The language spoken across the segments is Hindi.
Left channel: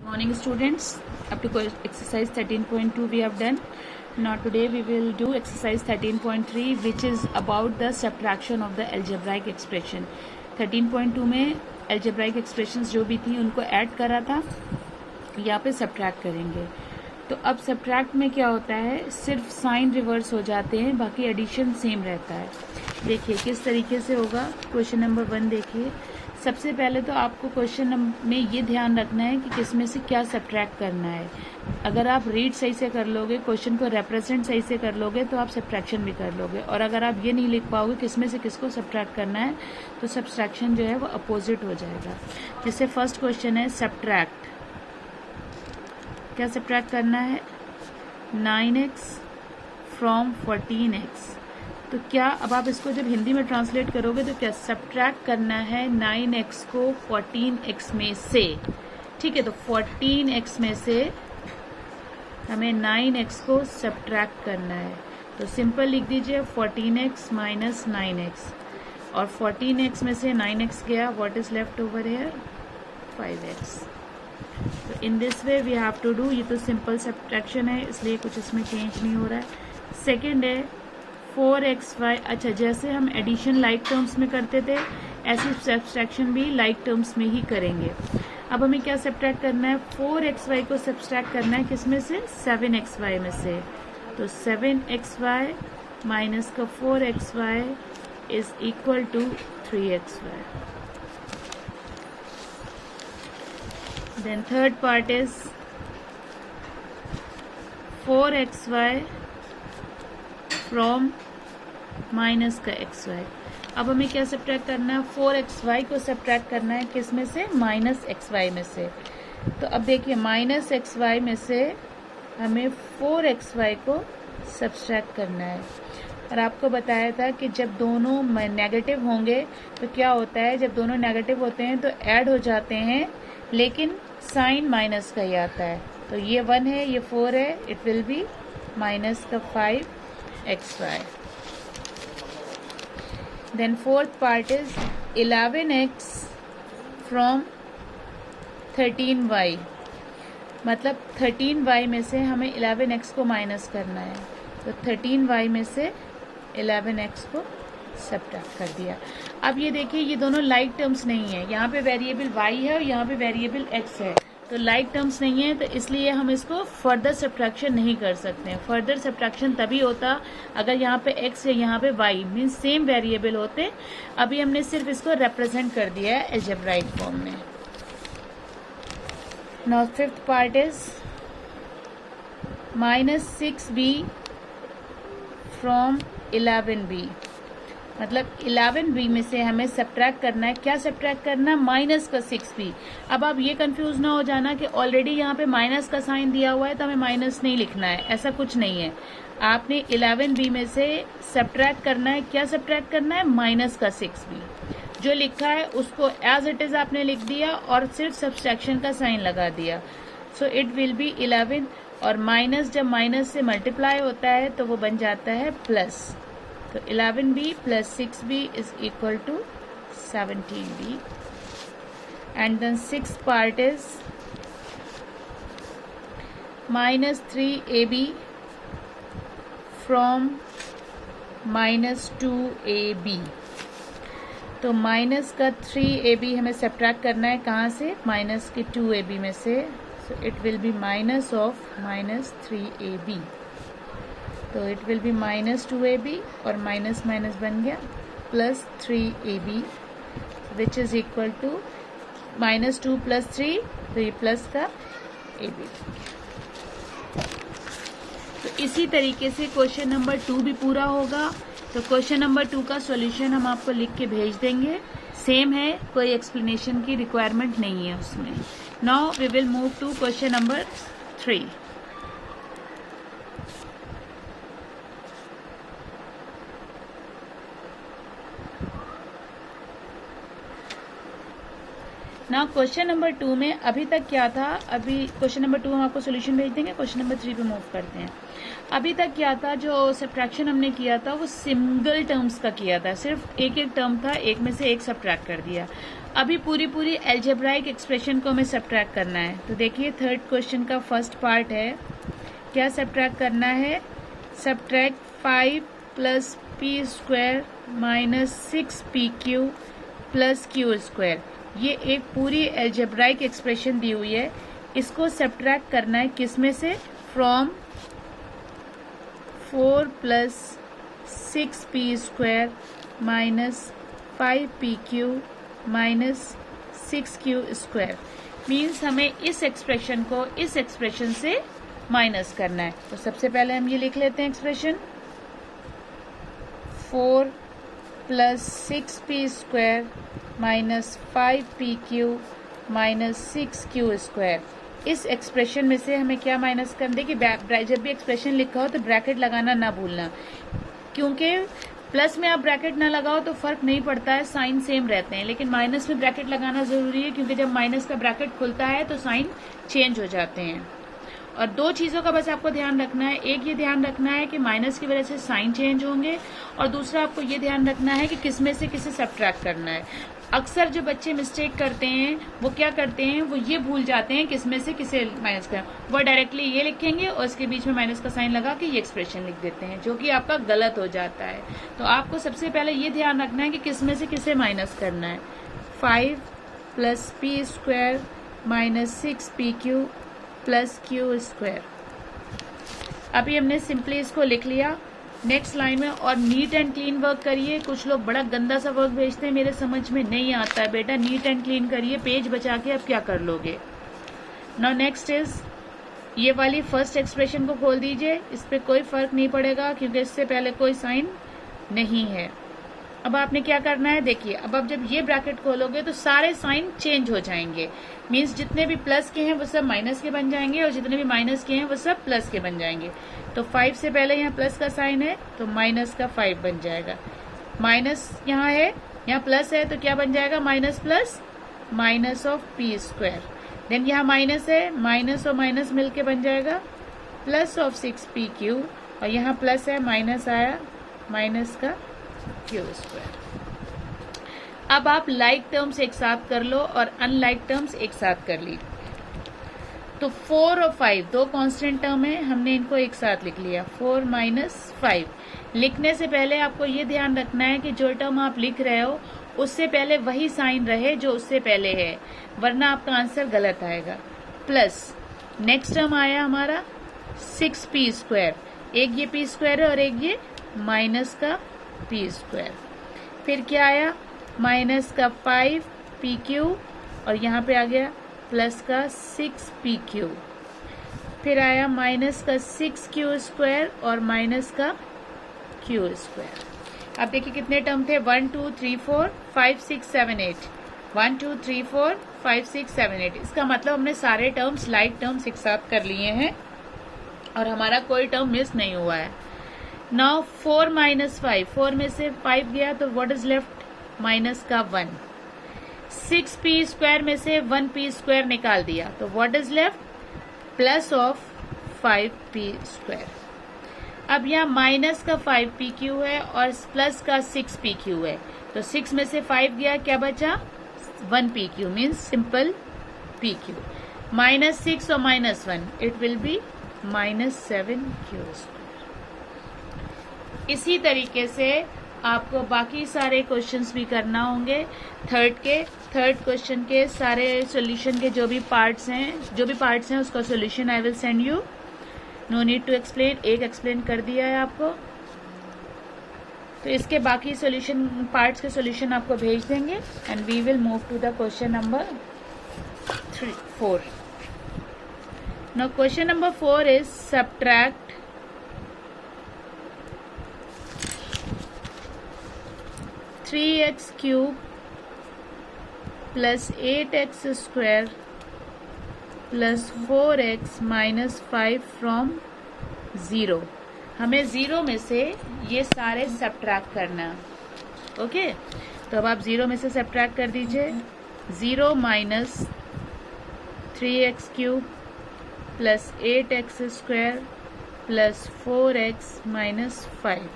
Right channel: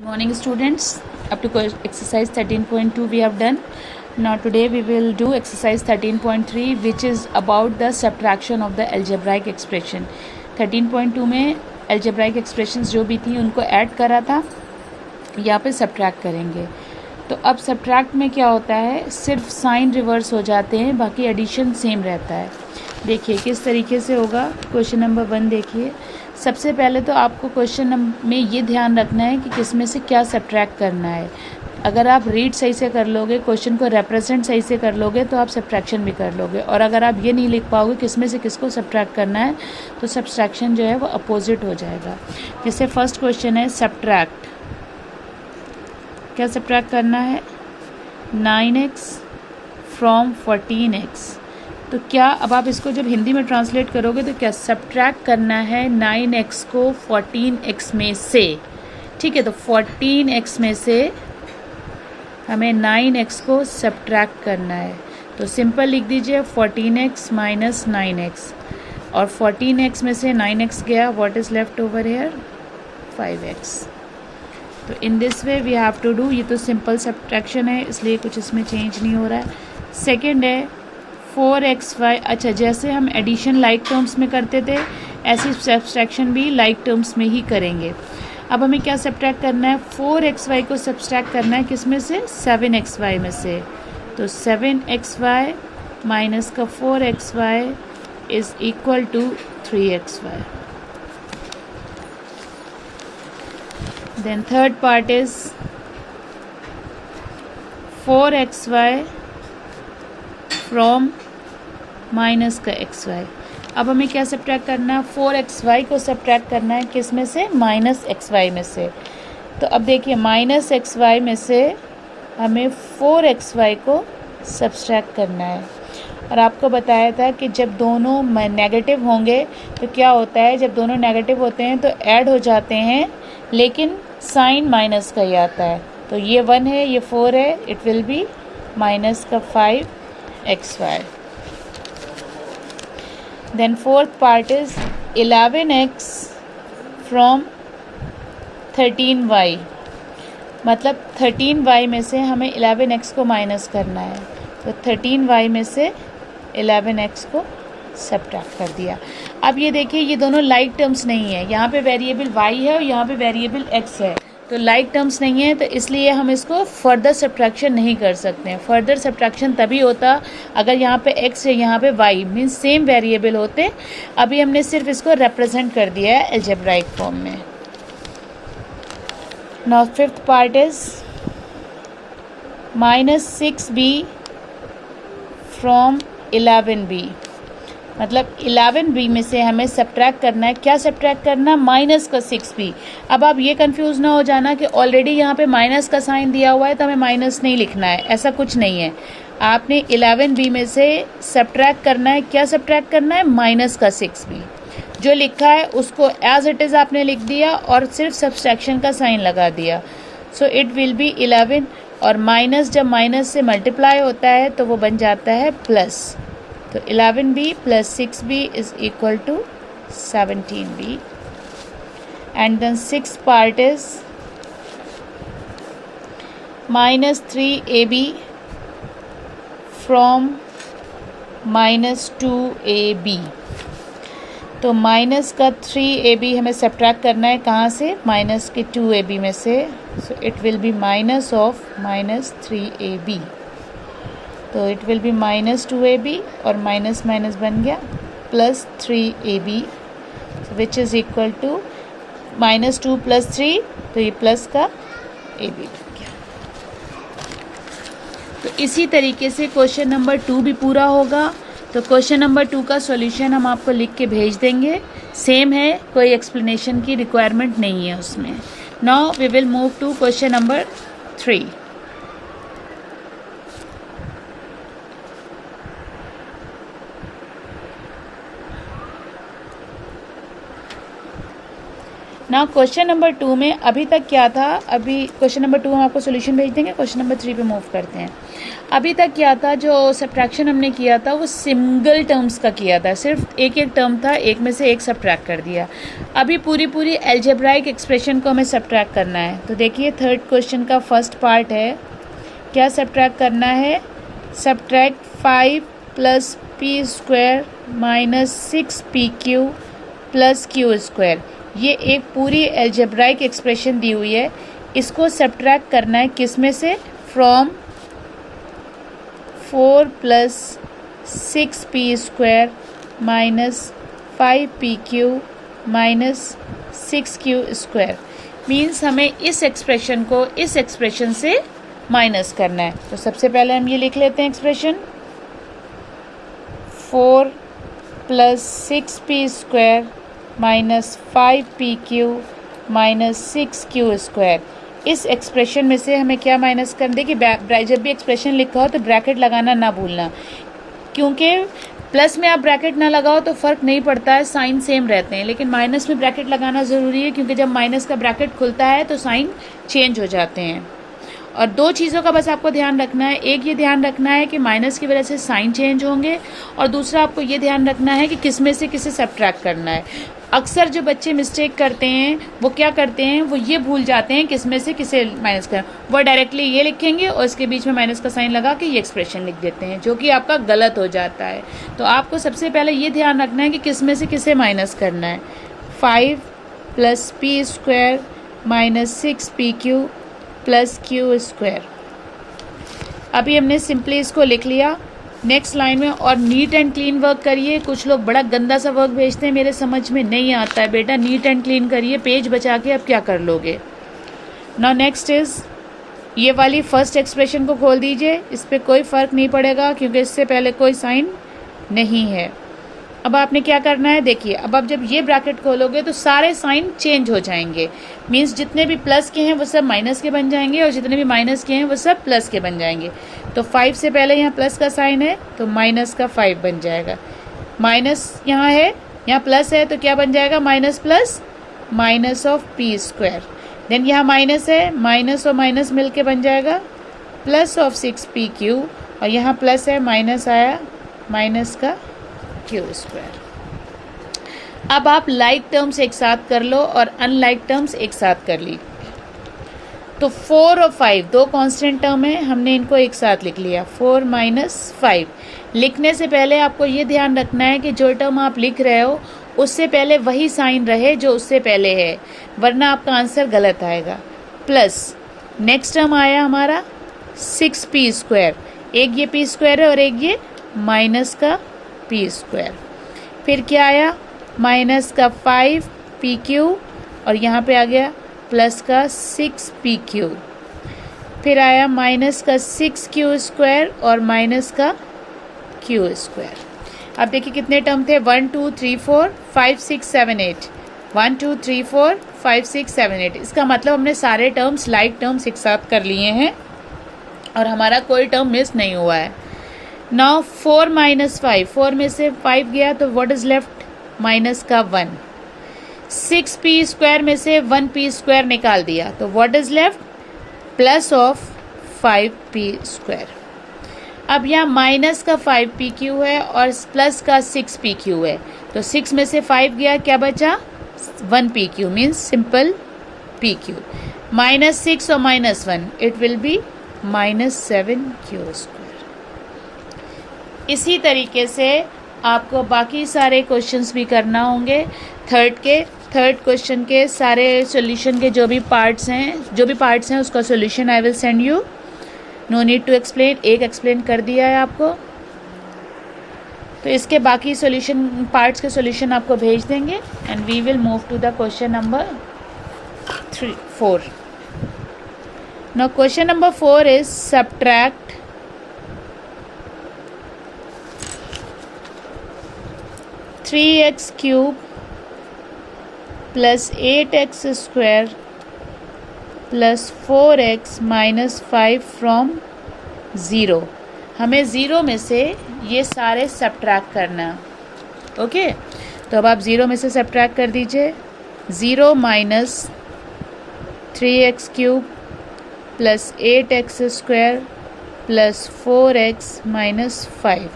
Morning students, up to exercise 13.2 we have done. Now today we will do exercise 13.3 which is about the subtraction of the algebraic expression. 13.2 में algebraic expressions जो भी थी उनको ऐड करा था, यहाँ पे सब्ट्रैक्ट करेंगे. तो अब सब्ट्रैक्ट में क्या होता है, सिर्फ साइन रिवर्स हो जाते हैं, बाकी एडिशन सेम रहता है. देखिए किस तरीके से होगा. क्वेश्चन नंबर 1 देखिए. सबसे पहले तो आपको क्वेश्चन में ये ध्यान रखना है कि किस में से क्या सब्ट्रैक्ट करना है. अगर आप रीड सही से कर लोगे, क्वेश्चन को रिप्रेजेंट सही से कर लोगे तो आप सब्ट्रैक्शन भी कर लोगे. और अगर आप ये नहीं लिख पाओगे किस में से किसको सब्ट्रैक्ट करना है तो सब्ट्रैक्शन जो है वो अपोजिट हो जाएगा. जैसे फर्स्ट क्वेश्चन है सब्ट्रैक्ट. क्या सब्ट्रैक्ट करना है? 9x from 14x. तो क्या अब आप इसको जब हिंदी में ट्रांसलेट करोगे तो क्या सब्ट्रैक्ट करना है 9x को 14x में से. ठीक है, तो 14x में से हमें 9x को सब्ट्रैक्ट करना है. तो सिंपल लिख दीजिए 14x माइनस 9x, और 14x में से 9x गया, what is left over here? 5x. तो in this way we have to do. ये तो सिंपल सब्ट्रैक्शन है इसलिए कुछ इसमें चेंज नहीं हो रहा है. सेकेंड है 4xy. अच्छा, जैसे हम एडिशन लाइक टर्म्स में करते थे ऐसी सब्ट्रैक्शन भी लाइक टर्म्स में ही करेंगे. अब हमें क्या सब्ट्रैक्ट करना है? 4xy को सब्ट्रैक्ट करना है किस में से? 7xy में से. तो 7xy माइनस का 4xy is equal to 3xy. Then third part is 4xy from minus का xy. अब हमें क्या सब्ट्रैक्ट करना है? 4xy को सब्ट्रैक्ट करना है किस में से? माइनस xy में से. तो अब देखिए माइनस xy में से हमें 4xy को सब्ट्रैक्ट करना है. और आपको बताया था कि जब दोनों नेगेटिव होंगे तो क्या होता है, जब दोनों नेगेटिव होते हैं तो ऐड हो जाते हैं लेकिन साइन माइनस का ही आता है. तो ये 1 है, ये 4 है, इट विल बी माइनस का 5xy. Then fourth part is 11x from 13y. मतलब 13y में से हमें 11x को माइनस करना है. तो 13y में से 11x को सब्ट्रैक्ट कर दिया. अब ये देखिए ये दोनों लाइक टर्म्स नहीं है, यहाँ पे वेरिएबल y है और यहाँ पे वेरिएबल x है. तो लाइक टर्म्स नहीं है तो इसलिए हम इसको फर्दर सब्ट्रैक्शन नहीं कर सकते हैं. फर्दर सब्ट्रैक्शन तभी होता अगर यहाँ पे x है यहाँ पे y, मीन्स सेम वेरिएबल होते. अभी हमने सिर्फ इसको रिप्रेजेंट कर दिया है अलजेब्राइक फॉर्म में. Now fifth part is minus 6b from 11b. मतलब 11b में से हमें सब्ट्रैक्ट करना है. क्या सब्ट्रैक्ट करना? माइनस का 6b. अब आप ये कंफ्यूज ना हो जाना कि ऑलरेडी यहाँ पे माइनस का साइन दिया हुआ है तो हमें माइनस नहीं लिखना है. ऐसा कुछ नहीं है. आपने 11b में से सब्ट्रैक्ट करना है. क्या सब्ट्रैक्ट करना है? माइनस का 6b. जो लिखा है उसको एज इट इज़ आपने लिख दिया और सिर्फ सब्ट्रैक्शन का साइन लगा दिया. सो इट विल बी 11, और माइनस जब माइनस से मल्टीप्लाई होता है तो वो बन जाता है प्लस. तो 11b plus 6b is equal to 17b. And then six part is minus 3ab from minus 2ab. तो माइनस का 3ab हमें सब्ट्रैक्ट करना है कहाँ से? माइनस के 2ab में से. So it will B minus of minus 3ab. तो it will B minus 2ab और माइनस माइनस बन गया plus 3ab, which is equal to minus 2 plus 3, तो ये प्लस का ab बन गया. तो इसी तरीके से क्वेश्चन नंबर 2 भी पूरा होगा. तो क्वेश्चन नंबर 2 का सॉल्यूशन हम आपको लिख के भेज देंगे. सेम है, कोई एक्सप्लेनेशन की रिक्वायरमेंट नहीं है उसमें. Now we will move to question number 3. ना क्वेश्चन नंबर 2 में अभी तक क्या था, अभी क्वेश्चन नंबर 2 हम आपको सोल्यूशन भेज देंगे, क्वेश्चन नंबर 3 पे मूव करते हैं। अभी तक क्या था, जो सब्ट्रैक्शन हमने किया था वो सिंगल टर्म्स का किया था, सिर्फ एक एक टर्म था, एक में से एक सब्ट्रैक्ट कर दिया। अभी पूरी एल्जेब्राइक एक्सप्रेशन को हमें सब्ट्रैक्ट करना है। तो देखिए थर्ड क्वेश्चन का फर्स्ट पार्ट है, क्या सब्ट्रैक्ट करना है, सब्ट्रैक्ट 5 + p² - 6pq + q²। ये एक पूरी एल्जेब्राइक एक्सप्रेशन दी हुई है, इसको सब्ट्रैक्ट करना है किस में से, from 4 + 6p² - 5pq - 6q²। Means हमें इस एक्सप्रेशन को इस एक्सप्रेशन से माइनस करना है। तो सबसे पहले हम ये लिख लेते हैं एक्सप्रेशन, 4 + 6p² - 5pq - 6q²। इस एक्सप्रेशन में से हमें क्या माइनस कर दे कि जब भी एक्सप्रेशन लिखा हो तो ब्रैकेट लगाना ना भूलना, क्योंकि प्लस में आप ब्रैकेट ना लगाओ तो फ़र्क नहीं पड़ता है, साइन सेम रहते हैं, लेकिन माइनस में ब्रैकेट लगाना ज़रूरी है, क्योंकि जब माइनस का ब्रैकेट खुलता है तो साइन चेंज हो जाते हैं। और दो चीज़ों का बस आपको ध्यान रखना है, एक ये ध्यान रखना है कि माइनस की वजह से साइन चेंज होंगे, और दूसरा आपको ये ध्यान रखना है कि किस में से किसे सब्ट्रैक्ट करना है। अक्सर जो बच्चे मिस्टेक करते हैं वो क्या करते हैं, वो ये भूल जाते हैं किस में से किसे माइनस कर, वो डायरेक्टली ये लिखेंगे और इसके बीच में माइनस का साइन लगा के ये एक्सप्रेशन लिख देते हैं, जो कि आपका गलत हो जाता है। तो आपको सबसे पहले ये ध्यान रखना है कि किस में से किसे माइनस करना है। 5 + p² - 6pq + q²। अभी हमने सिंपली इसको लिख लिया। नेक्स्ट लाइन में और नीट एंड क्लीन वर्क करिए। कुछ लोग बड़ा गंदा सा वर्क भेजते हैं, मेरे समझ में नहीं आता है बेटा, नीट एंड क्लीन करिए, पेज बचा के अब क्या कर लोगे। नाउ नेक्स्ट इज ये वाली फर्स्ट एक्सप्रेशन को खोल दीजिए, इस पर कोई फ़र्क नहीं पड़ेगा क्योंकि इससे पहले कोई साइन नहीं है। अब आपने क्या करना है, देखिए अब आप जब ये ब्रैकेट खोलोगे तो सारे साइन चेंज हो जाएंगे, मीन्स जितने भी प्लस के हैं वो सब माइनस के बन जाएंगे और जितने भी माइनस के हैं वो सब प्लस के बन जाएंगे। तो 5 से पहले यहाँ प्लस का साइन है तो माइनस का 5 बन जाएगा, माइनस यहाँ है, यहाँ प्लस है तो क्या बन जाएगा, minus plus minus of p²। Then यहाँ माइनस है, माइनस और माइनस मिल के बन जाएगा प्लस ऑफ 6pq, और यहाँ प्लस है माइनस आया माइनस का q²। अब आप लाइक टर्म्स एक साथ कर लो और अनलाइक टर्म्स एक साथ कर ली। तो 4 और 5 दो कांस्टेंट टर्म है, हमने इनको एक साथ लिख लिया, 4 - 5। लिखने से पहले आपको ये ध्यान रखना है कि जो टर्म आप लिख रहे हो उससे पहले वही साइन रहे जो उससे पहले है, वरना आपका आंसर गलत आएगा। प्लस नेक्स्ट टर्म आया हमारा 6p², एक ये p² है और एक ये माइनस का p²। फिर क्या आया, माइनस का 5pq और यहाँ पे आ गया प्लस का 6pq। फिर आया माइनस का 6q² और माइनस का q²। अब देखिए कितने टर्म थे, 1 2 3 4 5 6 7 8, 1 2 3 4 5 6 7 8। इसका मतलब हमने सारे टर्म्स लाइक टर्म्स एक साथ कर लिए हैं और हमारा कोई टर्म मिस नहीं हुआ है। नाउ 4 - 5, 4 में से 5 गया तो व्हाट इज लेफ्ट, माइनस का 1। 6p² में से 1p² निकाल दिया तो what is left, plus of 5p²। अब यहाँ माइनस का 5pq है और प्लस का 6pq है, तो 6 में से 5 गया, क्या बचा 1pq, मीन्स सिंपल pq। -6 और -1 इट विल बी -7q²। इसी तरीके से आपको बाकी सारे क्वेश्चंस भी करना होंगे। थर्ड क्वेश्चन के सारे सॉल्यूशन के जो भी पार्ट्स हैं उसका solution I will send you, no need to explain, एक एक्सप्लेन कर दिया है आपको। तो इसके बाकी सॉल्यूशन पार्ट्स के सॉल्यूशन आपको भेज देंगे and we will move to the question number 4। Now question number 4 is subtract 3x³ + 8x² + 4x - 5 from 0। हमें 0 में से ये सारे सब्ट्रैक्ट करना है। ओके, तो अब आप 0 में से सब्ट्रैक्ट कर दीजिए। 0 minus 3x³ plus 8x² plus 4x minus 5।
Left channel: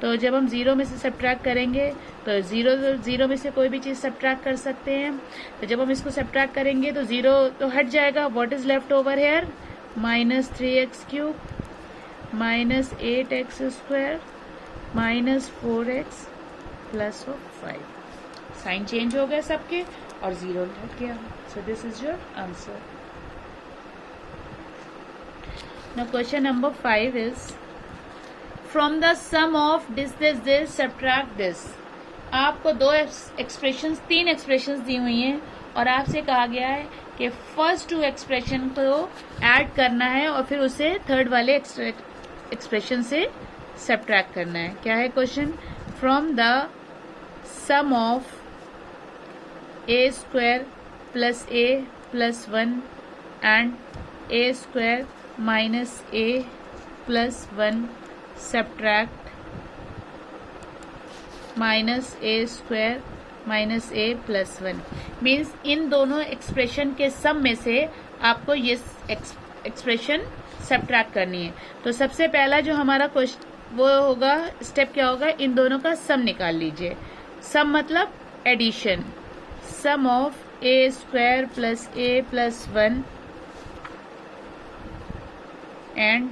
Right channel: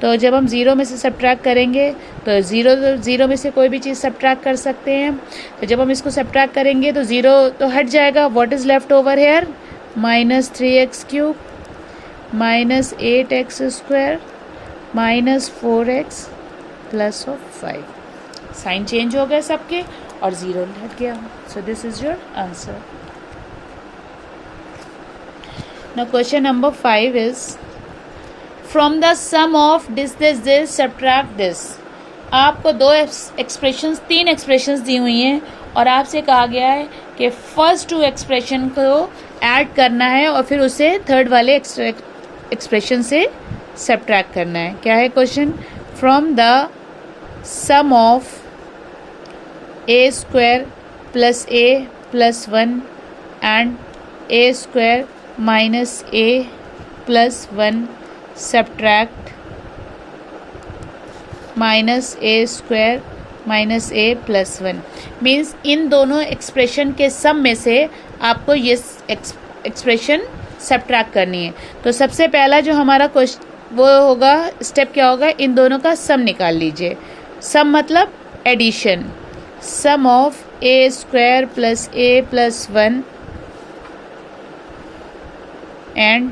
तो जब हम 0 में से सब्ट्रैक्ट करेंगे तो ज़ीरो में से कोई भी चीज़ सब्ट्रैक्ट कर सकते हैं। तो जब हम इसको सब्ट्रैक्ट करेंगे तो 0 तो हट जाएगा। What is left over here? Minus 3x³ minus 8x² minus 4x plus of 5। Sign change हो गया सबके और 0 हट गया। So this is your answer. Now question number 5 is from the sum of this subtract this. आपको तीन एक्सप्रेशंस दी हुई हैं और आपसे कहा गया है कि फर्स्ट 2 एक्सप्रेशन को ऐड करना है और फिर उसे थर्ड वाले एक्सप्रेशन से सब्ट्रैक्ट करना है। क्या है question? From the sum of a² plus a plus 1 and a² minus a plus 1 subtract minus a² minus a plus 1। Means इन दोनों एक्सप्रेशन के सम में से आपको ये एक्सप्रेशन सब्ट्रैक्ट करनी है। तो सबसे पहला जो हमारा क्वेश्चन वो होगा, स्टेप क्या होगा? इन दोनों का सम निकाल लीजिए। सम मतलब addition. Sum of a² plus a plus 1 and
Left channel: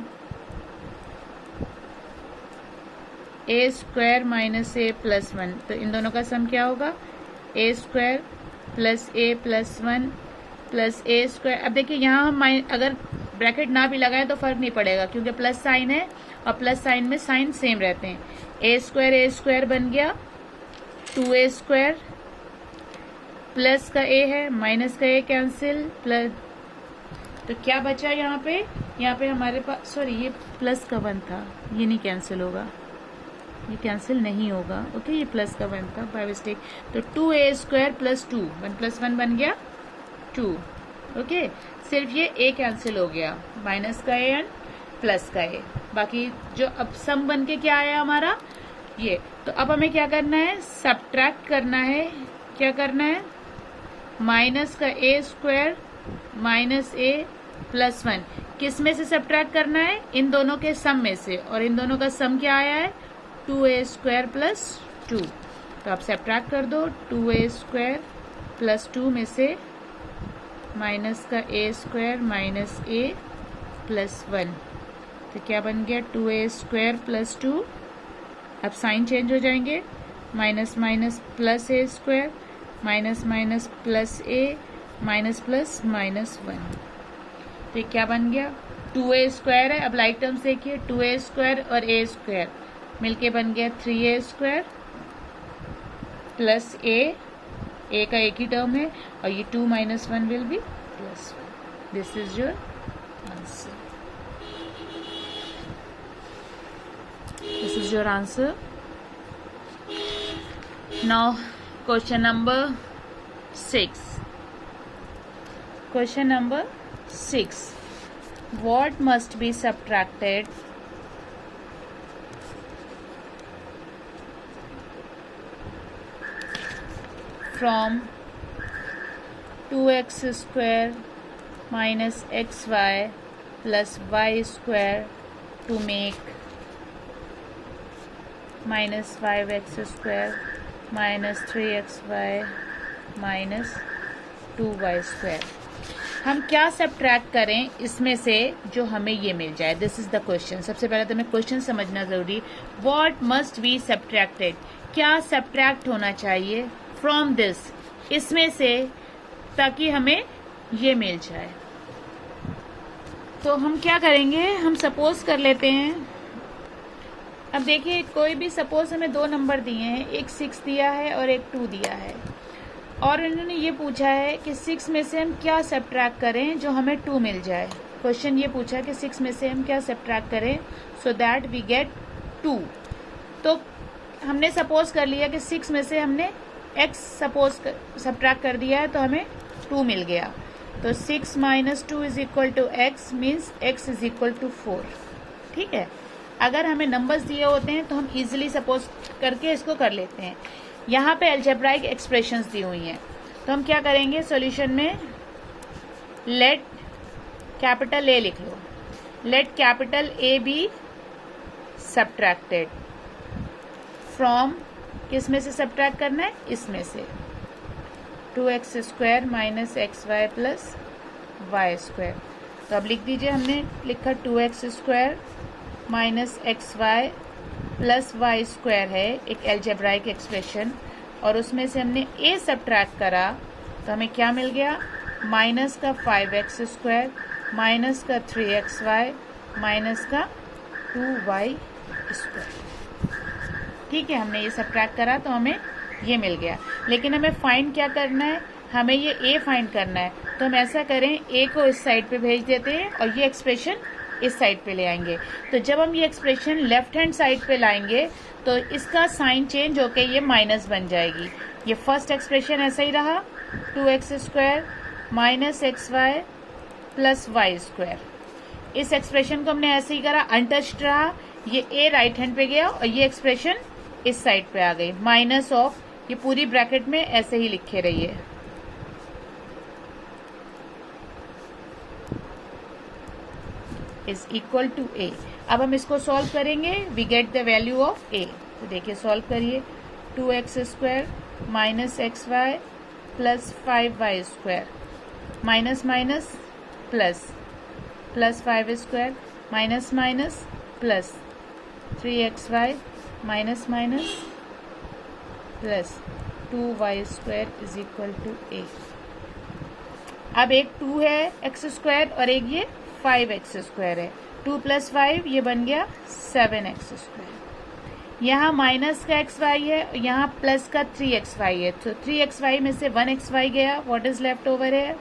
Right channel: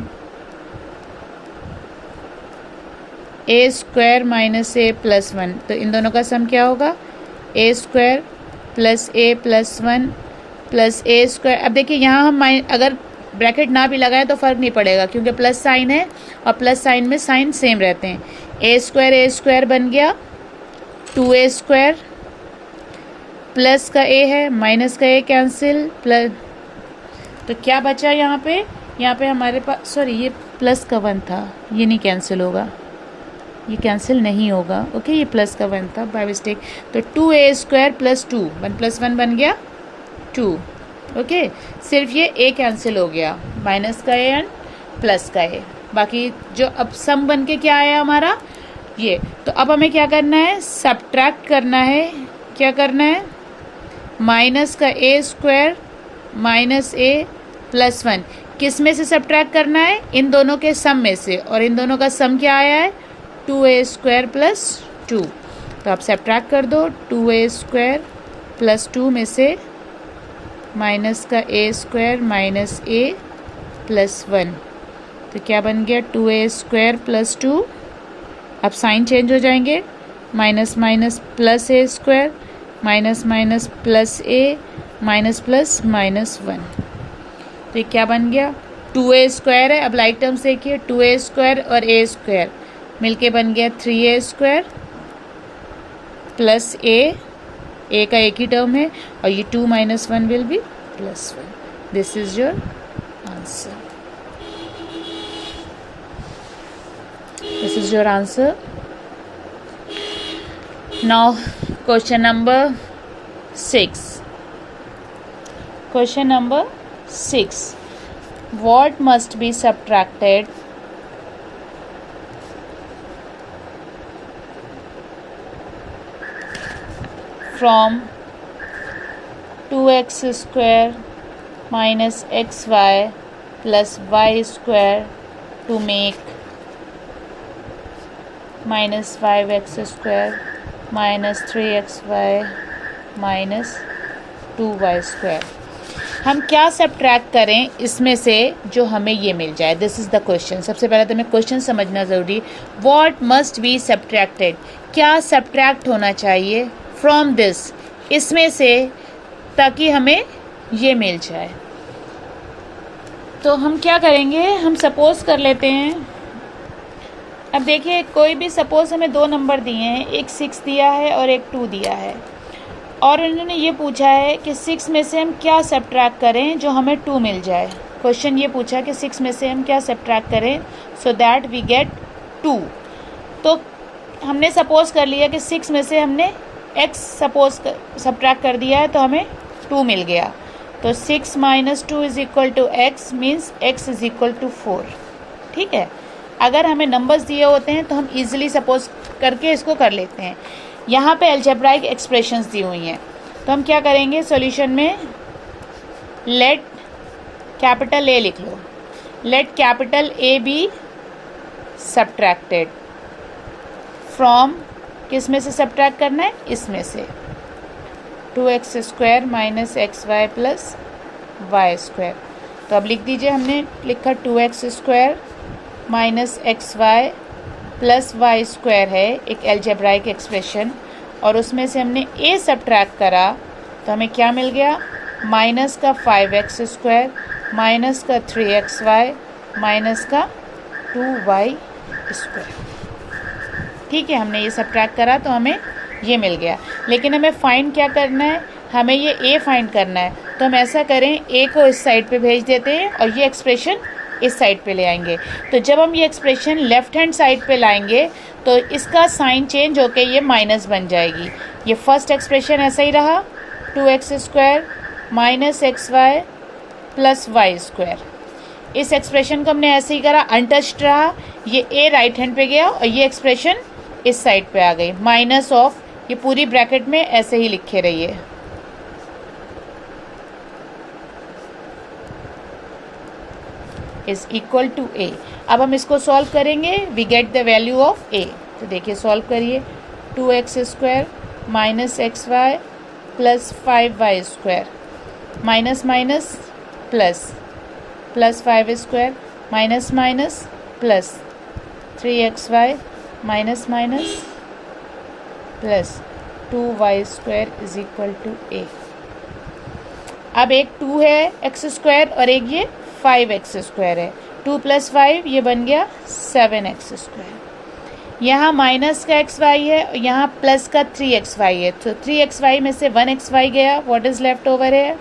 a² minus a plus 1। तो इन दोनों का सम क्या होगा? a² plus a plus 1 plus a²। अब देखिए यहाँ हम अगर ब्रैकेट ना भी लगाएं तो फ़र्क नहीं पड़ेगा क्योंकि प्लस साइन है और प्लस साइन में साइन सेम रहते हैं। a² बन गया 2a² प्लस का a है माइनस का a कैंसिल प्लस। तो क्या बचा यहाँ पे हमारे पास, सॉरी ये प्लस का 1 था, ये नहीं कैंसिल होगा, ये कैंसिल नहीं होगा। ओके ये प्लस का 1 था बाय मिस्टेक। तो 2a² प्लस 2 1 प्लस 1 बन गया 2। ओके सिर्फ ये a कैंसिल हो गया, माइनस का a एंड प्लस का a। बाकी जो अब सम बन के क्या आया हमारा ये। तो अब हमें क्या करना है? सब्ट्रैक्ट करना है। क्या करना है? माइनस का a² माइनस a प्लस 1 किस में से सब्ट्रैक्ट करना है? इन दोनों के सम में से। और इन दोनों का सम क्या आया है? 2a² plus 2। तो आप सब्ट्रैक्ट कर दो 2a² प्लस 2 में से माइनस का a² माइनस a प्लस 1। तो क्या बन गया? 2a² plus 2। अब साइन चेंज हो जाएंगे, minus minus plus a² minus minus plus a minus plus minus 1। तो ये क्या बन गया? 2a² है। अब लाइक टर्म से देखिए 2a² और a² मिलके बन गया 3a² प्लस a का एक ही टर्म है और ये 2 minus 1 will be plus 1। This is your answer. This is your answer. Now question number 6। Question number 6. What must be subtracted from 2x² minus xy plus y² to make minus 5x² minus 3xy minus 2y²। हम क्या सब्ट्रैक्ट करें इसमें से जो हमें ये मिल जाए? This is the question. सबसे पहले तो हमें क्वेश्चन समझना ज़रूरी। What must be subtracted? क्या सब्ट्रैक्ट होना चाहिए फ्रॉम दिस, इसमें से, ताकि हमें ये मिल जाए। तो हम क्या करेंगे? हम सपोज कर लेते हैं। अब देखिए कोई भी सपोज हमें 2 नंबर दिए हैं, एक 6 दिया है और एक 2 दिया है और इन्होंने ये पूछा है कि 6 में से हम क्या सब्ट्रैक्ट करें जो हमें 2 मिल जाए। क्वेश्चन ये पूछा है कि 6 में से हम क्या सब्ट्रैक्ट करें सो दैट वी गेट 2। तो हमने सपोज कर लिया कि 6 में से हमने x सपोज सब्ट्रैक्ट कर दिया है तो हमें 2 मिल गया। तो 6 minus 2 is equal to x means x is equal to 4। ठीक है, अगर हमें नंबर्स दिए होते हैं तो हम इजीली सपोज करके इसको कर लेते हैं। यहाँ पे अलजेब्राइक एक्सप्रेशंस दी हुई हैं। तो हम क्या करेंगे सॉल्यूशन में, लेट कैपिटल ए लिख लो, let capital A B subtracted from, किस में से सब्ट्रैक्ट करना है, इसमें से, 2x² minus XY plus y²। तो अब लिख दीजिए, हमने लिखा 2x² minus XY plus y² है एक एल्जेब्राइक एक्सप्रेशन, और उसमें से हमने a सब्ट्रैक्ट करा तो हमें क्या मिल गया, माइनस का 5x² माइनस का 3xy माइनस का 2y²। ठीक है, हमने ये सब्ट्रैक्ट करा तो हमें ये मिल गया। लेकिन हमें फाइंड क्या करना है, हमें ये a फाइंड करना है। तो हम ऐसा करें, a को इस साइड पे भेज देते हैं और ये एक्सप्रेशन इस साइड पे ले आएंगे। तो जब हम ये एक्सप्रेशन लेफ्ट हैंड साइड पे लाएंगे तो इसका साइन चेंज होके ये माइनस बन जाएगी। ये फर्स्ट एक्सप्रेशन ऐसा ही रहा, 2x² minus XY plus y²। इस एक्सप्रेशन को हमने ऐसे ही करा, अनटच्ड रहा, ये a राइट हैंड पे गया और ये एक्सप्रेशन इस साइड पे आ गई, माइनस ऑफ, ये पूरी ब्रैकेट में ऐसे ही लिखे रहिए। Is equal to a। अब हम इसको सॉल्व करेंगे, we get the value of a। तो देखिए सॉल्व करिए, 2x² minus XY plus 5y² minus minus plus, plus 5² minus minus plus 3xy minus minus plus 2y² is equal to a। अब एक 2 है x² और एक ये 5x² है, 2 प्लस 5 ये बन गया 7x²। यहाँ माइनस का xy है और यहाँ प्लस का 3xy है, तो 3xy में से 1xy गया, व्हाट इज लेफ्ट ओवर है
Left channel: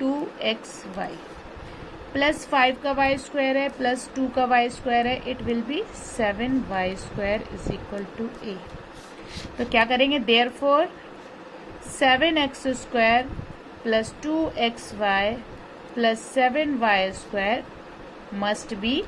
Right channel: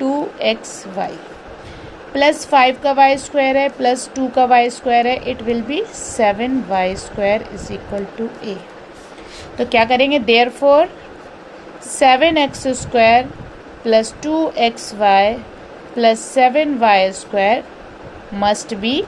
2xy, प्लस 5 का y² है प्लस 2 का y² है, it will be 7y² is equal to a। तो क्या करेंगे, therefore 7x² plus 2xy plus 7y² must B